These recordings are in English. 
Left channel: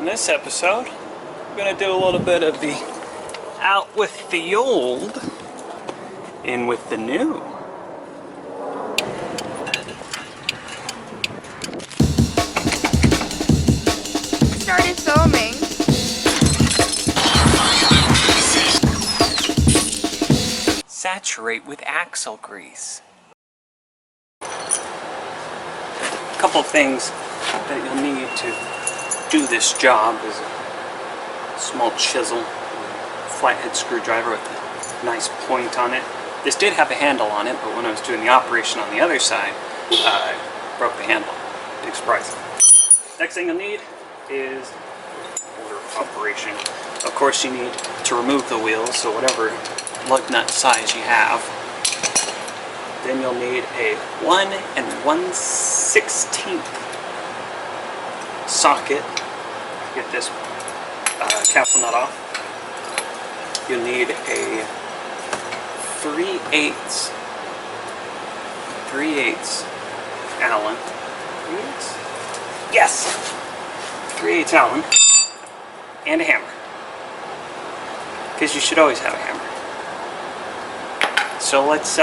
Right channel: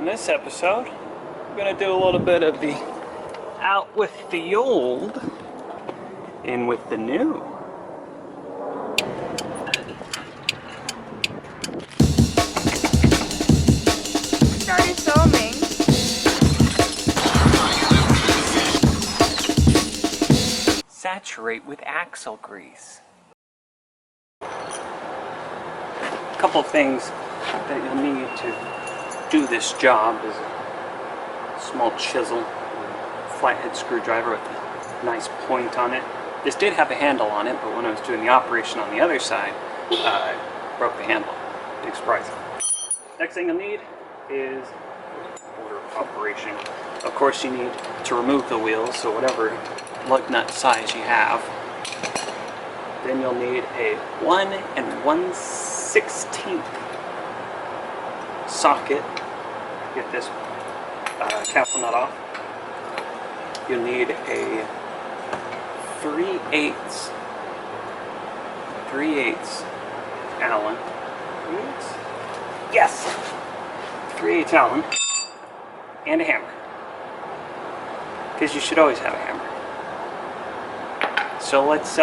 In this episode, we're going to do a little bit of the out with the old, in with the new. Started foaming. Saturate with axle grease. A couple things that you'll need to do this job is a small chisel, flathead screwdriver with a nice point on it. This did have a handle on it, but when I was doing the operation on the other side, I broke the handle. Big surprise. Next thing you'll need is order of operation. Of course, you need to remove the wheels, so whatever lug nut size you have. Then you'll need a 1 1/16 socket to get this capsule nut off. You'll need a 3/8 Allen. 3/8? Yes! 3/8 Allen. And a hammer. Because you should always have a hammer. So let's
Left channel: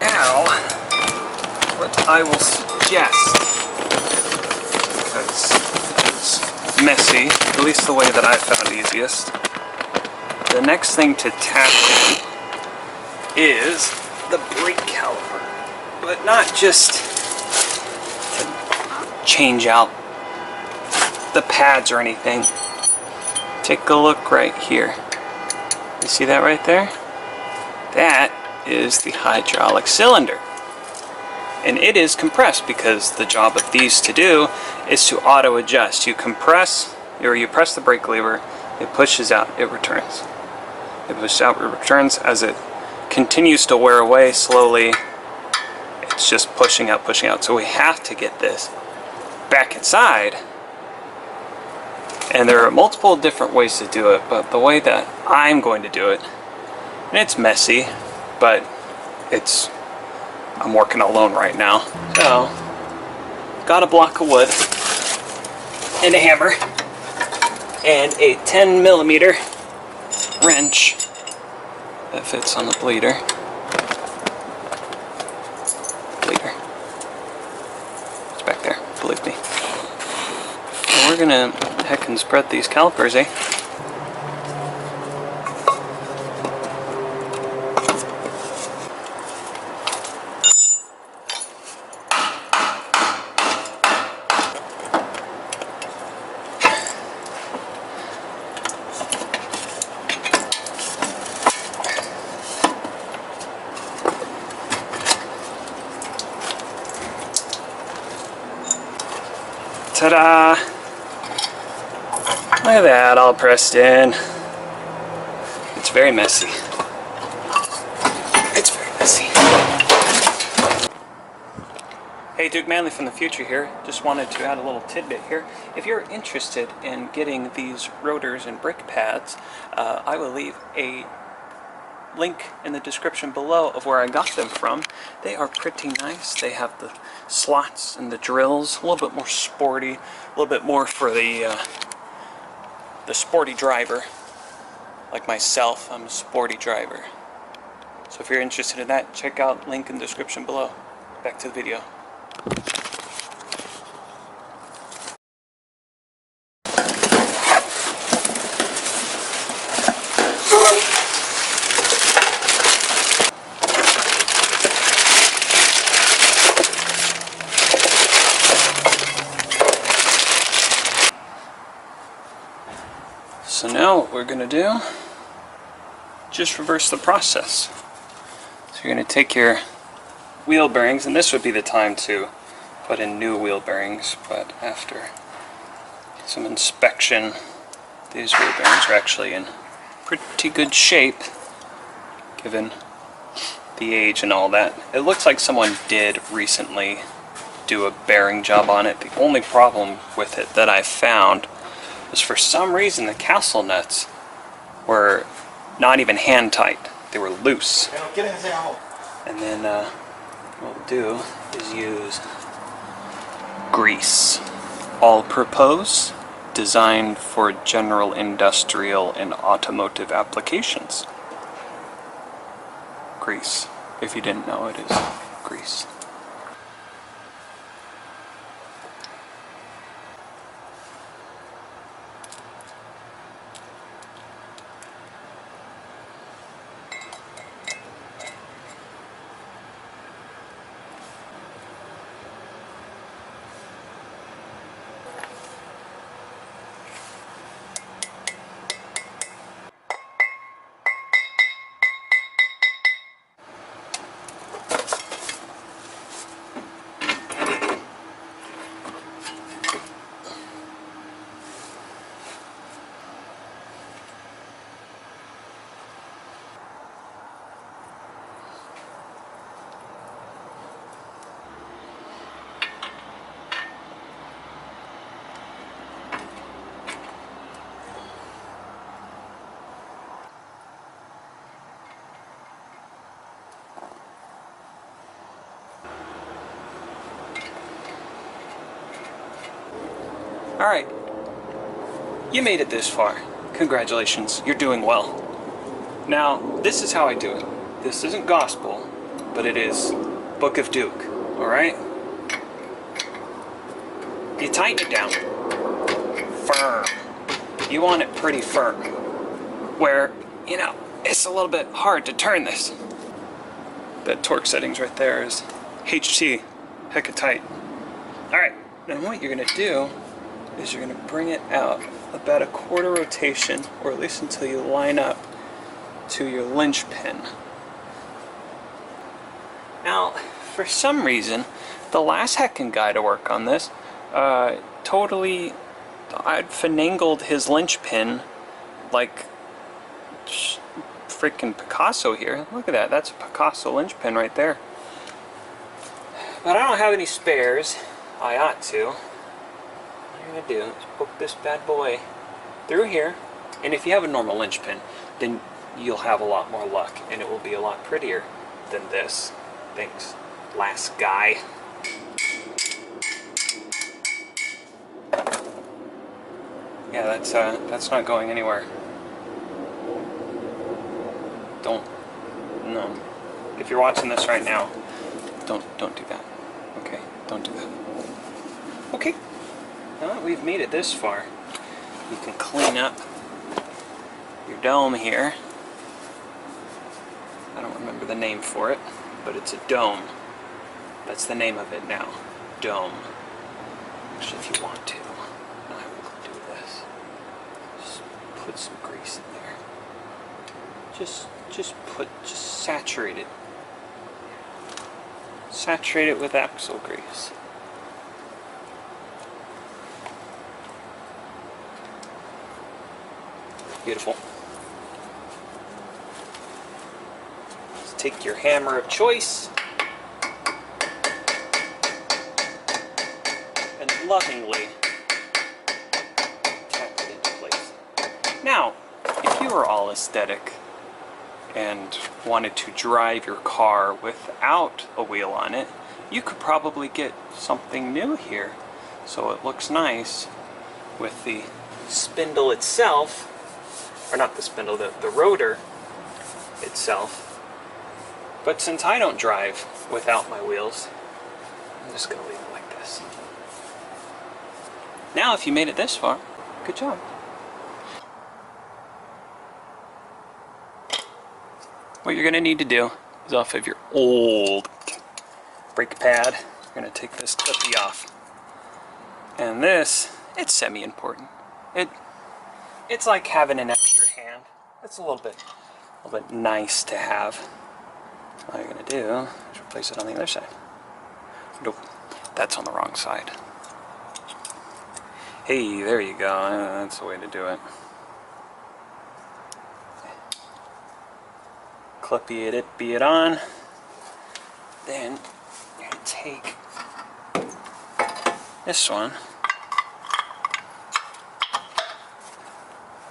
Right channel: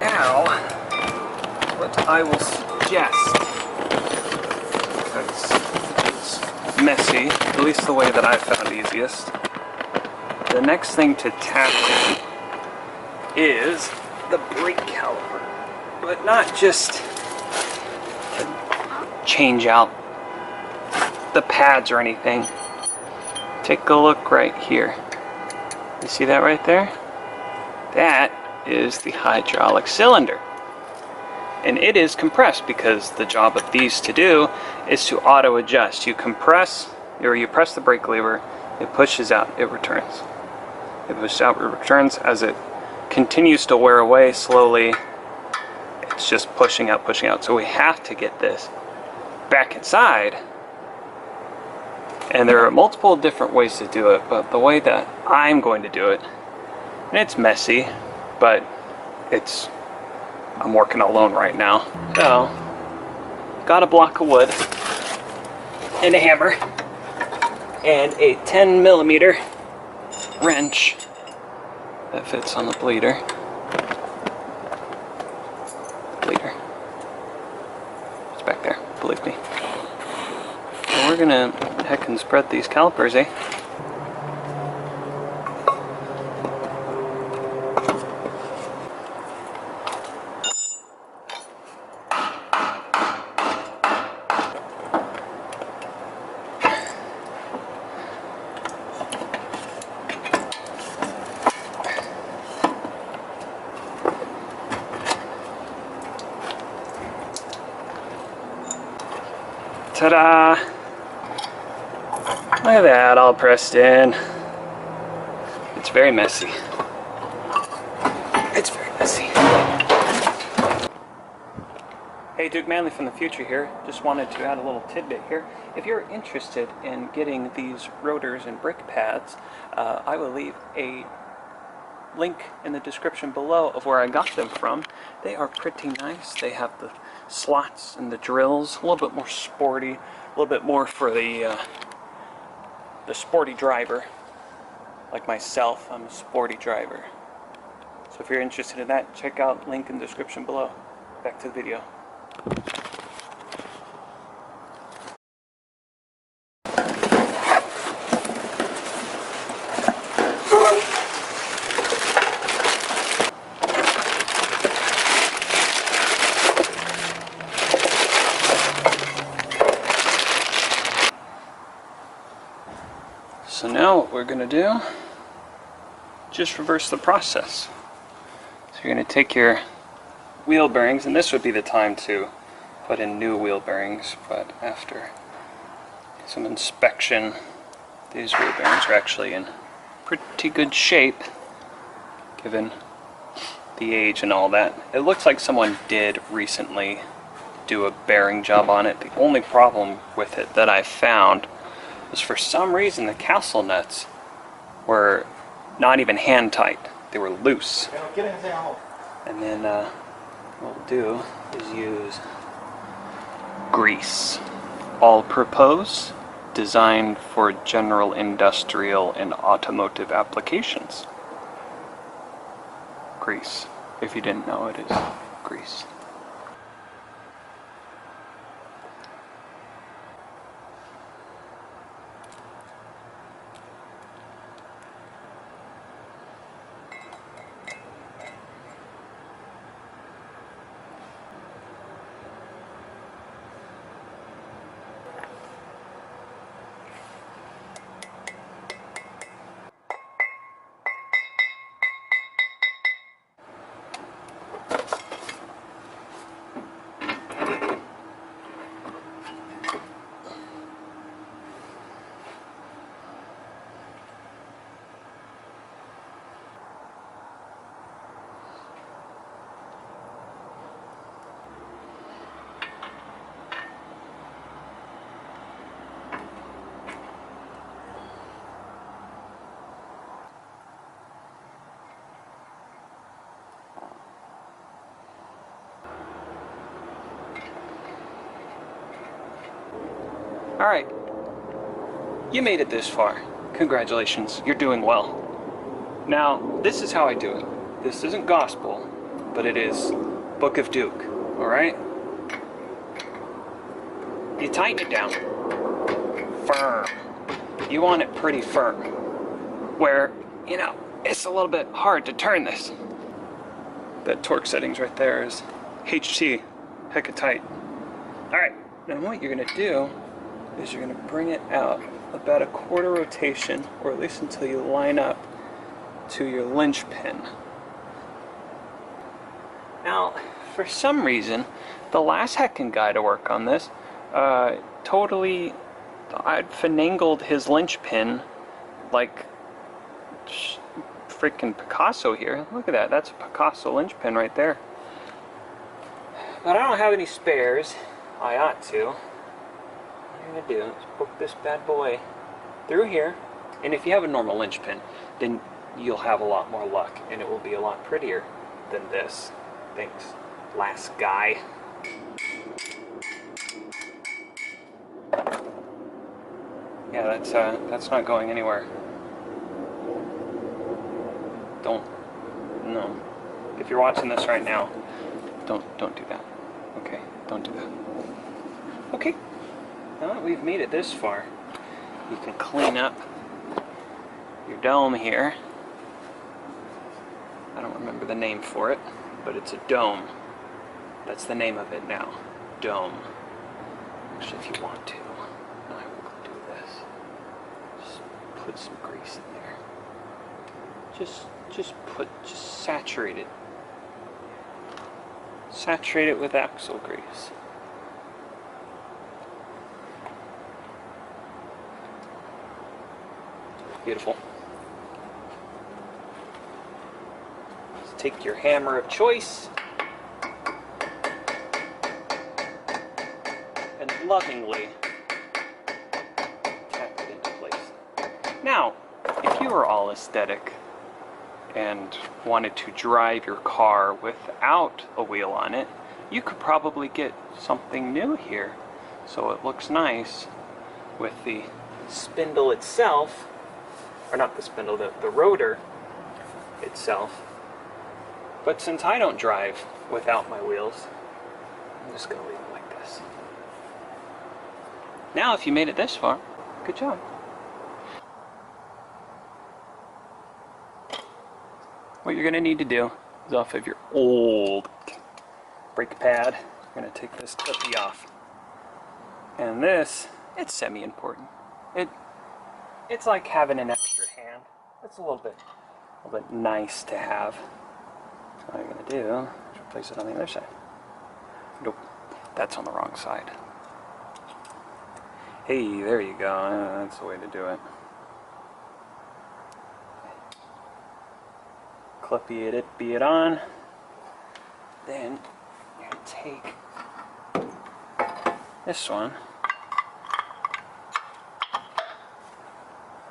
now, what I will suggest, because it's messy, at least the way that I found easiest, the next thing to tap in is the brake caliper, but not just to change out the pads or anything. Take a look right here. You see that right there? That is the hydraulic cylinder, and it is compressed because the job of these to do is to auto adjust. You compress, or you press the brake lever, it pushes out, it returns. It pushes out, it returns. As it continues to wear away slowly, it's just pushing out, pushing out. So we have to get this back inside, and there are multiple different ways to do it, but the way that I'm going to do it, and it's messy, but I'm working alone right now. So, got a block of wood, and a hammer, and a 10mm wrench that fits on the bleeder. It's back there, believe me. And we're gonna heckin' spread these calipers, eh? Ta-da! Look at that, all pressed in. It's very messy. It's very messy. Hey, Duke Manley from the future here. Just wanted to add a little tidbit here. If you're interested in getting these rotors and brake pads, I will leave a link in the description below of where I got them from. They are pretty nice. They have the slots and the drills, a little bit more sporty, a little bit more for the sporty driver. Like myself, I'm a sporty driver. So if you're interested in that, check out link in the description below. Back to the video. So now what we're going to do, just reverse the process. So you're going to take your wheel bearings, and this would be the time to put in new wheel bearings, but after some inspection, these wheel bearings are actually in pretty good shape, given the age and all that. It looks like someone did recently do a bearing job on it. The only problem with it that I found was for some reason the castle nuts were not even hand tight. They were loose. And then what we'll do is use grease. All-purpose, designed for general industrial and automotive applications. Grease. If you didn't know, it is grease. Alright, you made it this far. Congratulations, you're doing well. Now, this is how I do it. This isn't gospel, but it is Book of Duke, alright? You tighten it down. Firm. You want it pretty firm. Where, you know, it's a little bit hard to turn this. That torque settings right there is HT, hecka tight. Alright, now what you're going to do is you're going to bring it out about a quarter rotation, or at least until you line up to your linchpin. Now, for some reason, the last heckin' guy to work on this totally I'd finangled his linchpin like freaking Picasso here. Look at that, that's a Picasso linchpin right there. But I don't have any spares. I ought to. What I'm going to do is poke this bad boy through here, and if you have a normal linchpin, then you'll have a lot more luck, and it will be a lot prettier than this. Thanks, last guy. Yeah, that's not going anywhere. No. If you're watching this right now, don't do that. Okay, don't do that. Okay, now that we've made it this far, you can clean up your dome here. I don't remember the name for it, but it's a dome. That's the name of it now. Dome. Actually, if you want to, I will do this. Just put some grease in there. Just saturate it. Saturate it with axle grease. Beautiful. Just take your hammer of choice and lovingly tap it into place. Now, if you are all aesthetic and wanted to drive your car without a wheel on it, you could probably get something new here. So it looks nice with the spindle itself, or not the spindle, the rotor itself. But since I don't drive without my wheels, I'm just gonna leave it like this. Now, if you made it this far, good job. What you're gonna need to do is, off of your old brake pad, you're gonna take this clippy off. And this, it's semi-important. It's like having an extra hand. It's a little bit nice to have. All you're gonna do is replace it on the other side. Nope, that's on the wrong side. Hey, there you go. That's the way to do it. Clippy it on. Then you're gonna take this one.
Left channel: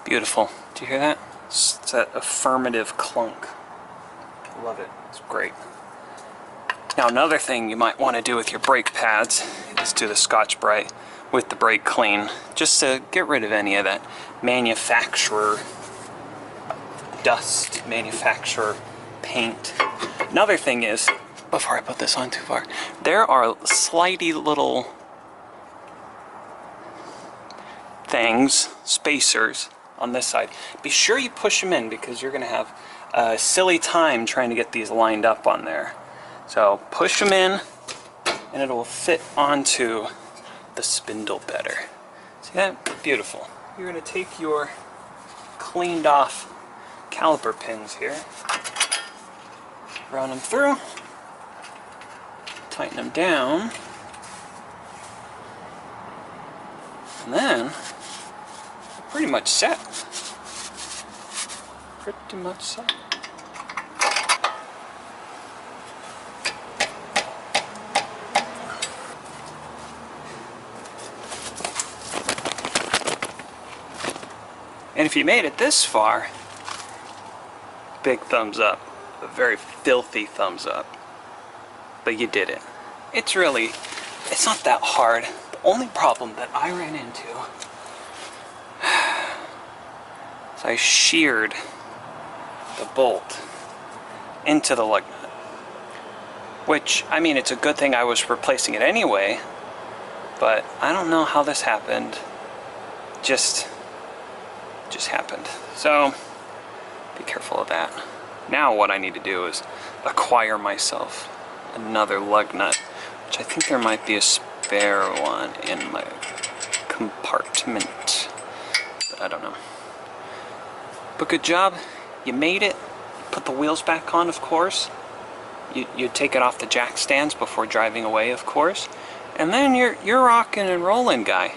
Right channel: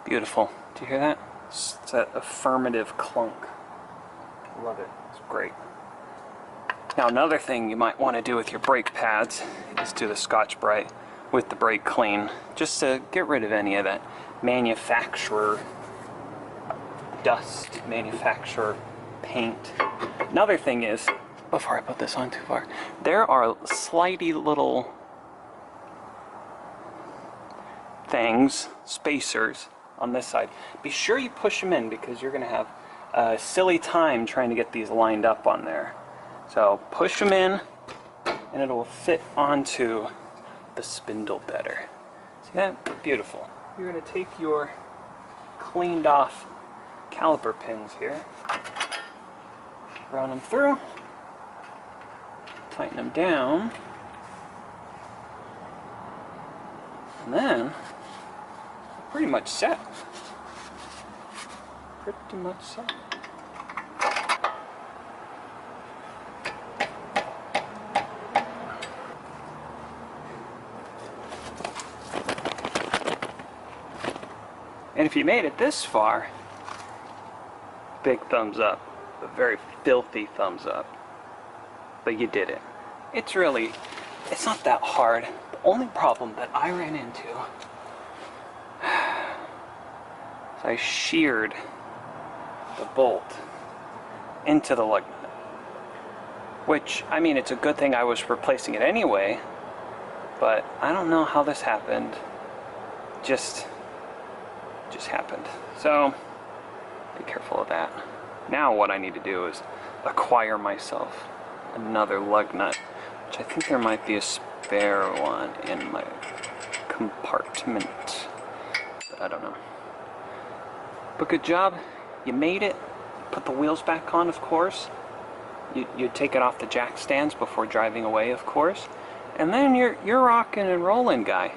Beautiful. Do you hear that? It's that affirmative clunk. I love it. It's great. Now, another thing you might want to do with your brake pads is do the Scotch-Brite with the brake clean, just to get rid of any of that manufacturer dust, manufacturer paint. Another thing is, before I put this on too far, there are slidey little things, spacers, on this side. Be sure you push them in, because you're going to have a silly time trying to get these lined up on there. So push them in, and it will fit onto the spindle better. See that? Beautiful. You're going to take your cleaned off caliper pins here, run them through, tighten them down, and then we're pretty much set. Pretty much set. And if you made it this far, big thumbs up. A very filthy thumbs up. But you did it. It's not that hard. The only problem that I ran into is I sheared the bolt into the lug nut. Which, I mean, it's a good thing I was replacing it anyway, but I don't know how this happened. Just happened. So be careful of that. Now what I need to do is acquire myself another lug nut, which I think there might be a spare one in my compartment, but I don't know. But good job, you made it. Put the wheels back on, of course. You take it off the jack stands before driving away, of course, and then you're rocking and rolling, guy.